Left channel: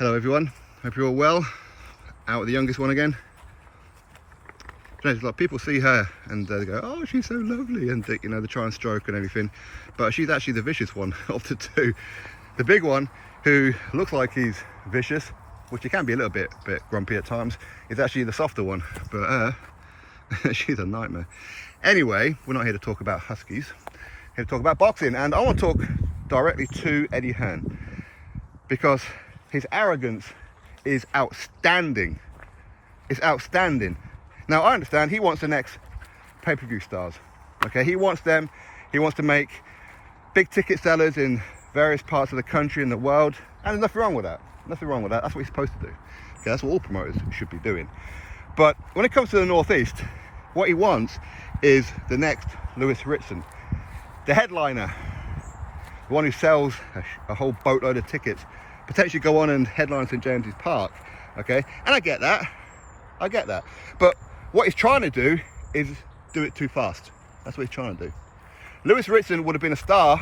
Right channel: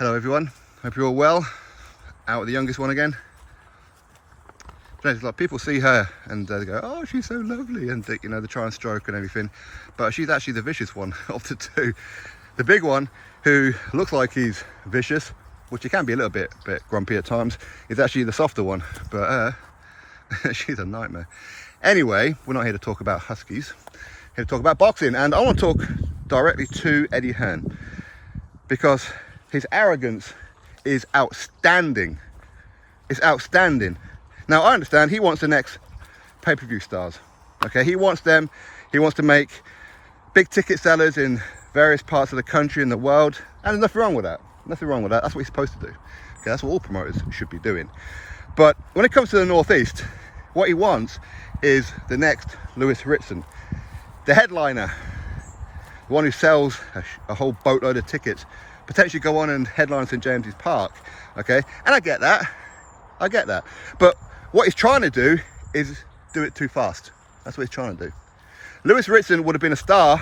Hello everyone, hope you're all well. Out with the youngest one again. You know, like people see her and they go, oh, she's so lovely, and you know, they try and stroke and everything, but she's actually the vicious one of the two. The big one, who looks like he's vicious, which he can be a little bit grumpy at times, is actually the softer one, but she's a nightmare. Anyway, we're not here to talk about huskies, we're here to talk about boxing, and I want to talk directly to Eddie Hearn because his arrogance is outstanding. It's outstanding. Now I understand he wants the next pay-per-view stars. Okay, he wants them. He wants to make big ticket sellers in various parts of the country and the world, and there's nothing wrong with that. Nothing wrong with that. That's what he's supposed to do. Okay, that's what all promoters should be doing. But when it comes to the Northeast, what he wants is the next Lewis Ritson, the headliner, the one who sells a whole boatload of tickets, potentially go on and headline St James's Park. Okay, and I get that, but what he's trying to do is do it too fast. That's what he's trying to do. Lewis Ritson would have been a star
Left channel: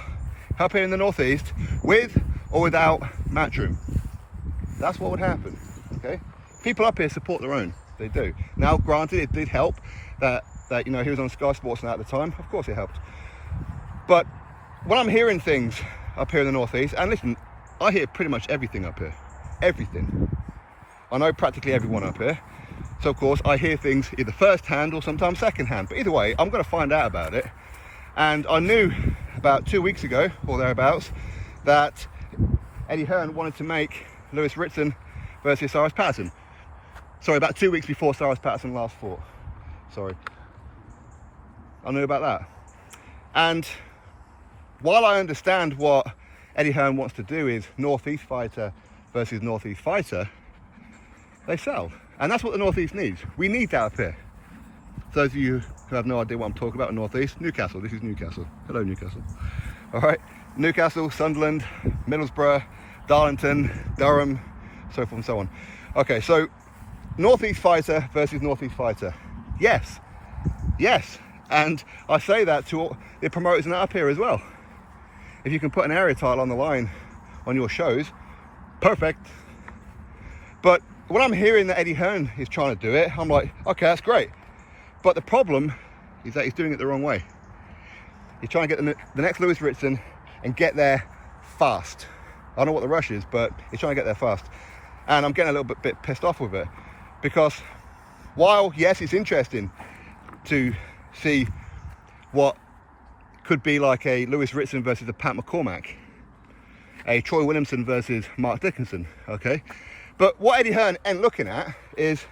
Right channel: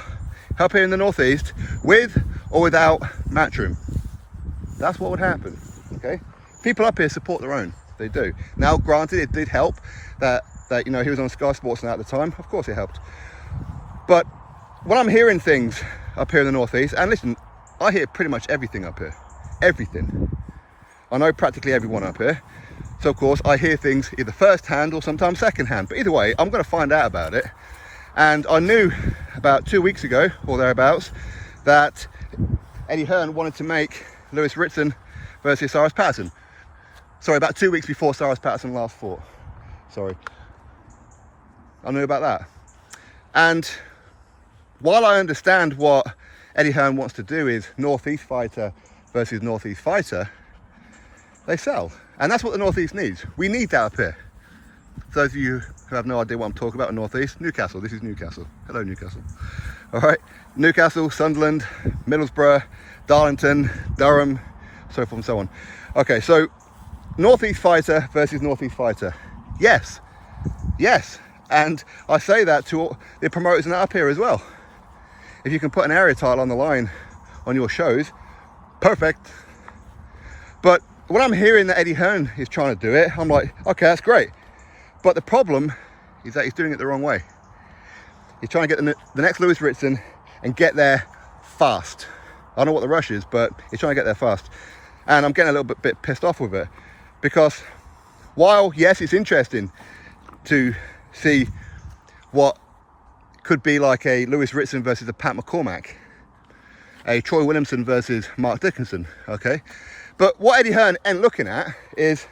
up here in the Northeast with or without Matchroom. That's what would happen. Okay, people up here support their own, they do. Now granted, it did help that you know, he was on Sky Sports now at the time. Of course it helped, but when I'm hearing things up here in the Northeast, and listen, I hear pretty much everything up here, everything. I know practically everyone up here, so of course I hear things either first hand or sometimes second hand, but either way I'm going to find out about it. And I knew about 2 weeks ago or thereabouts that Eddie Hearn wanted to make Lewis Ritson versus Cyrus Patterson. Sorry, about 2 weeks before Cyrus Patterson last fought. Sorry, I knew about that. And while I understand what Eddie Hearn wants to do is Northeast fighter versus Northeast fighter, they sell. And that's what the Northeast needs. We need that up here. For those of you who have no idea what I'm talking about in Northeast, Newcastle, this is Newcastle. Hello Newcastle. All right, Newcastle, Sunderland, Middlesbrough, Darlington, Durham, so forth and so on. Okay, so Northeast fighter versus Northeast fighter. Yes, yes. And I say that to all the promoters up here as well. If you can put an area title on the line on your shows, perfect. But when I'm hearing that Eddie Hearn is trying to do it, I'm like, okay, that's great. But the problem is that he's doing it the wrong way. He's trying to get the next Lewis Ritson and get there fast. I don't know what the rush is, but he's trying to get there fast. And I'm getting a little bit pissed off with it, because while, yes, it's interesting to see what could be like a Lewis Ritson versus a Pat McCormack, a Troy Williamson versus Mark Dickinson, okay? But what Eddie Hearn ain't looking at is,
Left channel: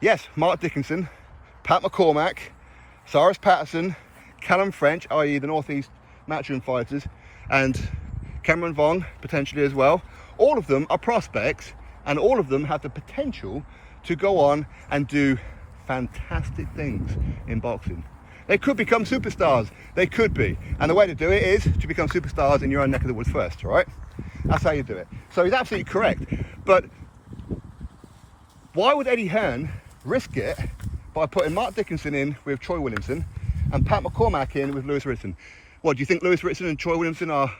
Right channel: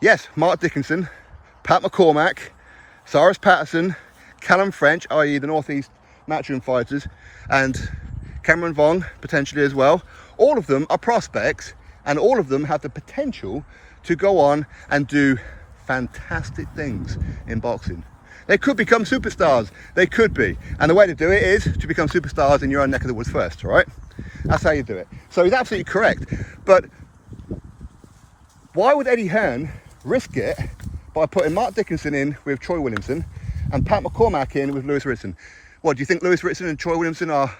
yes, Mark Dickinson, Pat McCormack, Cyrus Patterson, Callum French, i.e. the Northeast Matchroom fighters, and Cameron Vong, potentially as well. All of them are prospects, and all of them have the potential to go on and do fantastic things in boxing. They could become superstars, they could be. And the way to do it is to become superstars in your own neck of the woods first, all right? That's how you do it. So he's absolutely correct. But why would Eddie Hearn risk it by putting Mark Dickinson in with Troy Williamson and Pat McCormack in with Lewis Ritson? What, do you think Lewis Ritson and Troy Williamson are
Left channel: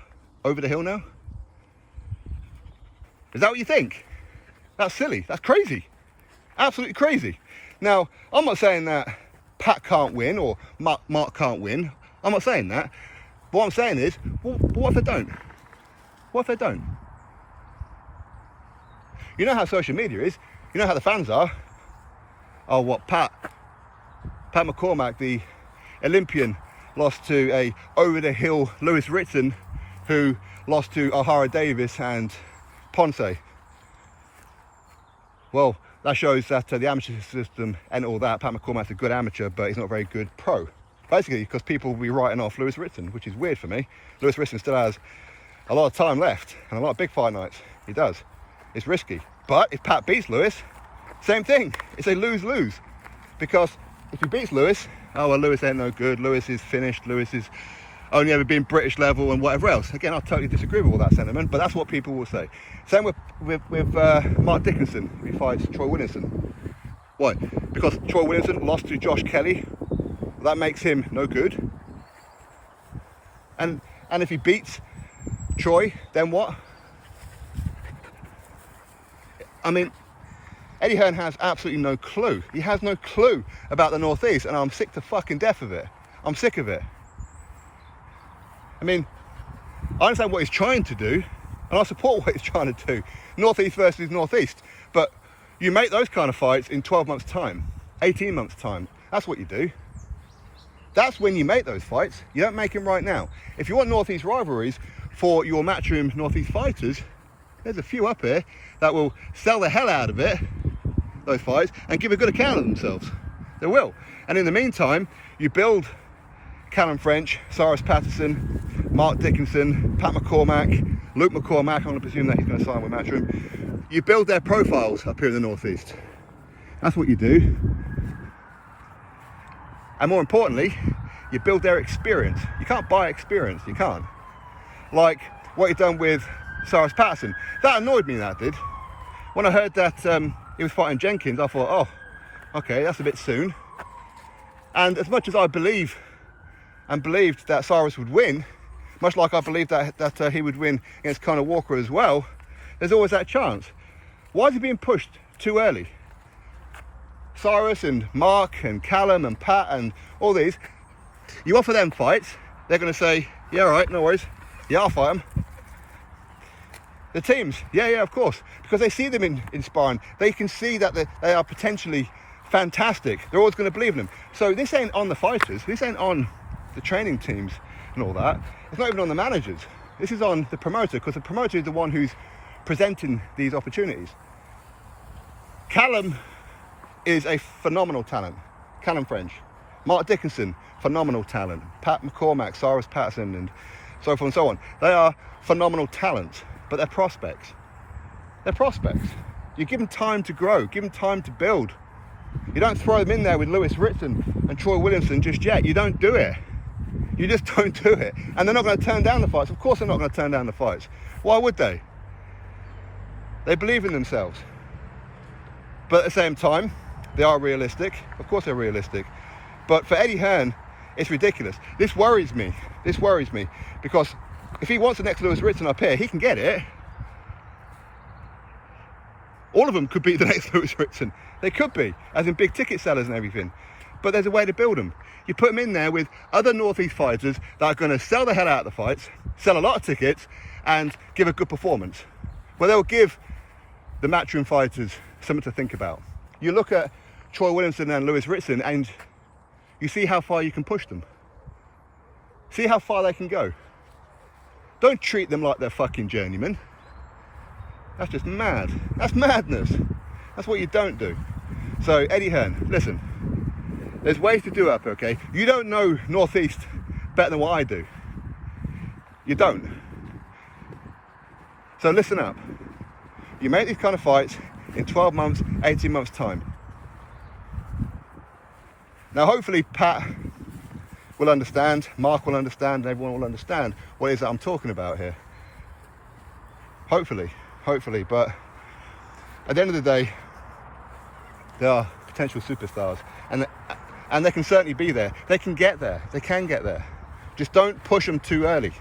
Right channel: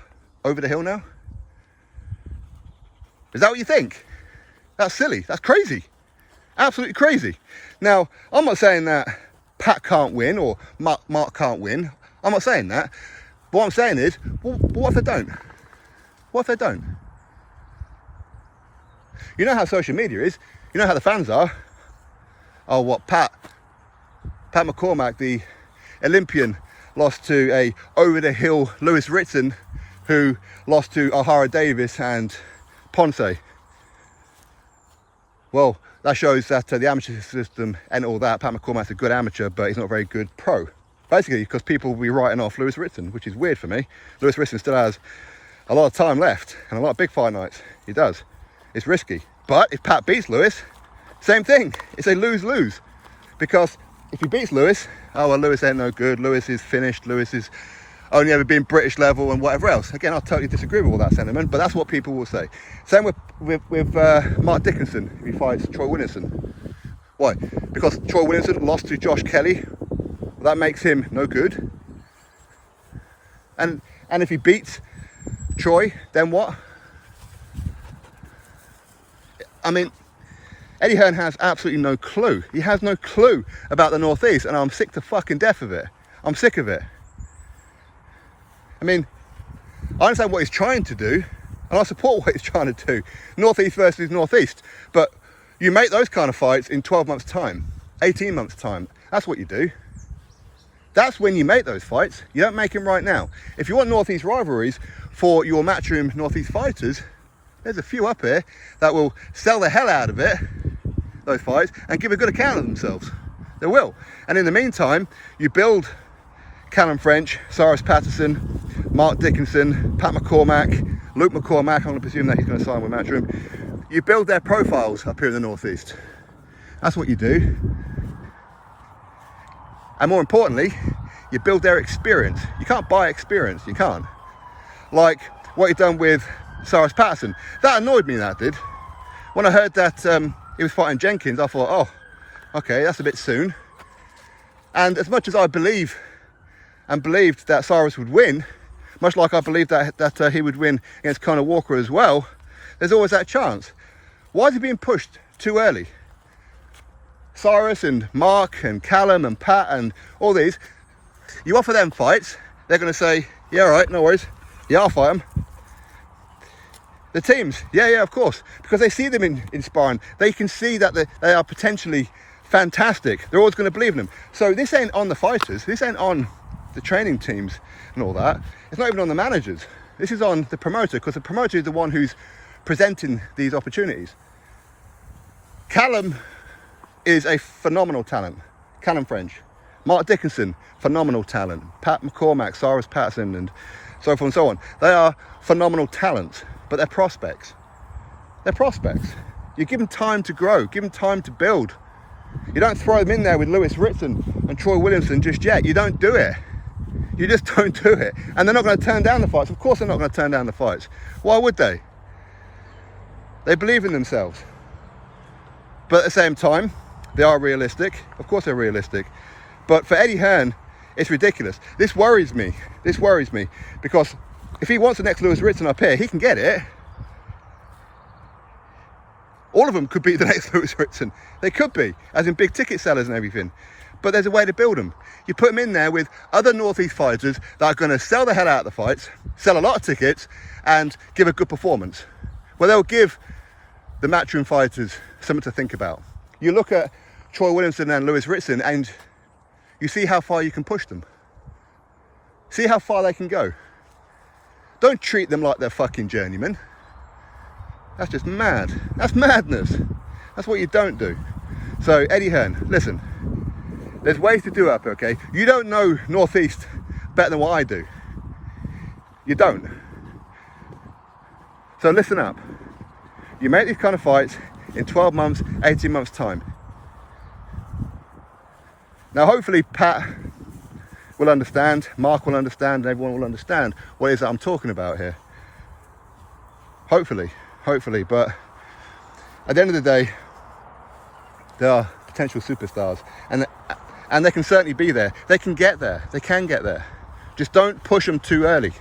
over the hill now? Is that what you think? That's silly, that's crazy. Absolutely crazy. Now, I'm not saying that Pat can't win or Mark can't win. I'm not saying that. What I'm saying is, well, what if they don't? What if they don't? You know how social media is. You know how the fans are. Oh, what, Pat McCormack, the Olympian, lost to a over-the-hill Lewis Ritson, who lost to O'Hara Davis and Ponce. Well, that shows that the amateur system and all that, Pat McCormack's a good amateur, but he's not a very good pro. Basically, because people will be writing off Lewis Ritson, which is weird for me. Lewis Ritson still has a lot of time left and a lot of big fight nights. He does. It's risky. But if Pat beats Lewis, same thing. It's a lose-lose. Because if he beats Lewis, oh, well, Lewis ain't no good. Lewis is finished. Lewis is only ever been British level and whatever else. Again, I totally disagree with all that sentiment, but that's what people will say. Same with Mark Dickinson, who fights Troy Williamson. Why? Because Troy Williamson lost to Josh Kelly. That makes him no good. And if he beats Troy, then what? I mean, Eddie Hearn has absolutely no clue. He has no clue about the Northeast, and I'm sick to fucking death of it. I'm sick of it. I mean, I understand what he's trying to do, and I support what he's trying to do. Northeast versus Northeast. But you make those kind of fights in 12 months' time, 18 months' time. That's what you do. That's when you make those fights. You don't make them right now. If you want Northeast rivalries for your Matchroom Northeast fighters, there's a few up here that will sell the hell out of it, those fights, and give a good account of themselves. They will. And in the meantime, you build Callum French, Cyrus Patterson, Mark Dickinson, Pat McCormack, Luke McCormack. I'm going to presume that he's going to sign with Matchroom. You build their profiles up here in the Northeast. That's what you do. And more importantly, you build their experience. You can't buy experience, you can't. Like what you've done with Cyrus Patterson. That annoyed me, that did. When I heard that he was fighting Jenkins, I thought, oh, okay, that's a bit soon. And as much as I believed that Cyrus would win, much like I believed that he would win against Conor Walker as well, there's always that chance. Why is he being pushed too early? Cyrus and Mark and Callum and Pat and all these, you offer them fights, they're going to say, yeah, all right, no worries, yeah, I'll fight them. The teams, yeah, of course, because they see them in sparring. They can see that they are potentially fantastic. They're always going to believe in them. So this ain't on the fighters, this ain't on the training teams and all that. It's not even on the managers. This is on the promoter, because the promoter is the one who's presenting these opportunities. Callum is a phenomenal talent. Callum French. Mark Dickinson, phenomenal talent. Pat McCormack, Cyrus Patterson, and so forth and so on. They are phenomenal talents, but they're prospects. They're prospects. You give them time to grow, give them time to build. You don't throw them in there with Lewis Ritson and Troy Williamson just yet. You don't do it. You just don't do it. And they're not going to turn down the fights. Of course they're not going to turn down the fights. Why would they? They believe in themselves. But at the same time, they are realistic. Of course they're realistic. But for Eddie Hearn, it's ridiculous. This worries me. This worries me. Because if he wants the next Lewis Ritson up here, he can get it. All of them could be the next Lewis Ritson. They could be, as in big ticket sellers and everything. But there's a way to build them. You put them in there with other Northeast fighters that are going to sell the hell out of the fights, sell a lot of tickets, and give a good performance. Well, they'll give the Matchroom fighters something to think about. You look at Troy Williamson and Lewis Ritson, and you see how far you can push them. See how far they can go. Don't treat them like they're fucking journeymen. That's just mad. That's madness. That's what you don't do. So Eddie Hearn, listen, there's ways to do it up, okay? You don't know Northeast better than what I do. You don't. So listen up. You make these kind of fights in 12 months, 18 months time. Now hopefully Pat will understand, Mark will understand, and everyone will understand what it is that I'm talking about here. Hopefully, but at the end of the day, they are potential superstars, and they can certainly be there. They can get there. They can get there. Just don't push them too early.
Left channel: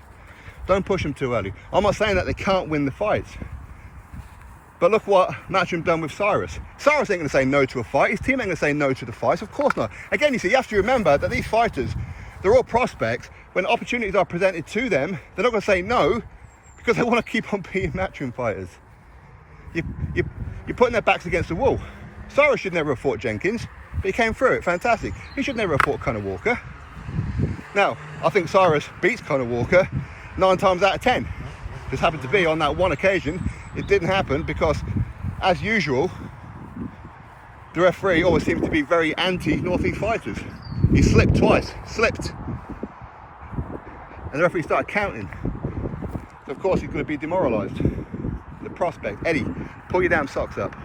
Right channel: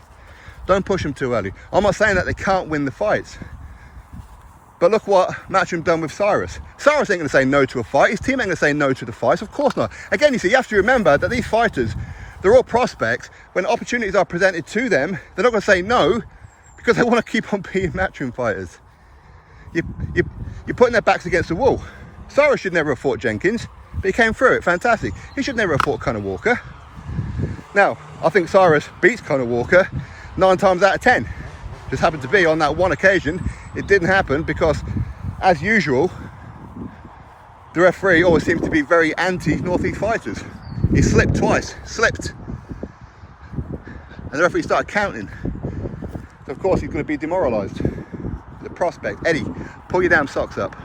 Don't push them too early. I'm not saying that they can't win the fights, but look what Matchroom done with Cyrus. Cyrus ain't going to say no to a fight. His team ain't going to say no to the fights. Of course not. Again, you see, you have to remember that these fighters, they're all prospects. When opportunities are presented to them, they're not going to say no, because they want to keep on being Matchroom fighters. You're putting their backs against the wall. Cyrus should never have fought Jenkins, but he came through it, fantastic. He should never have fought Conor Walker. Now, I think Cyrus beats Conor Walker 9 times out of 10. Just happened to be on that one occasion, it didn't happen because, as usual, the referee always seems to be very anti-Northeast fighters. He slipped twice, and the referee started counting. So of course he's going to be demoralised. The prospect, Eddie, pull your damn socks up.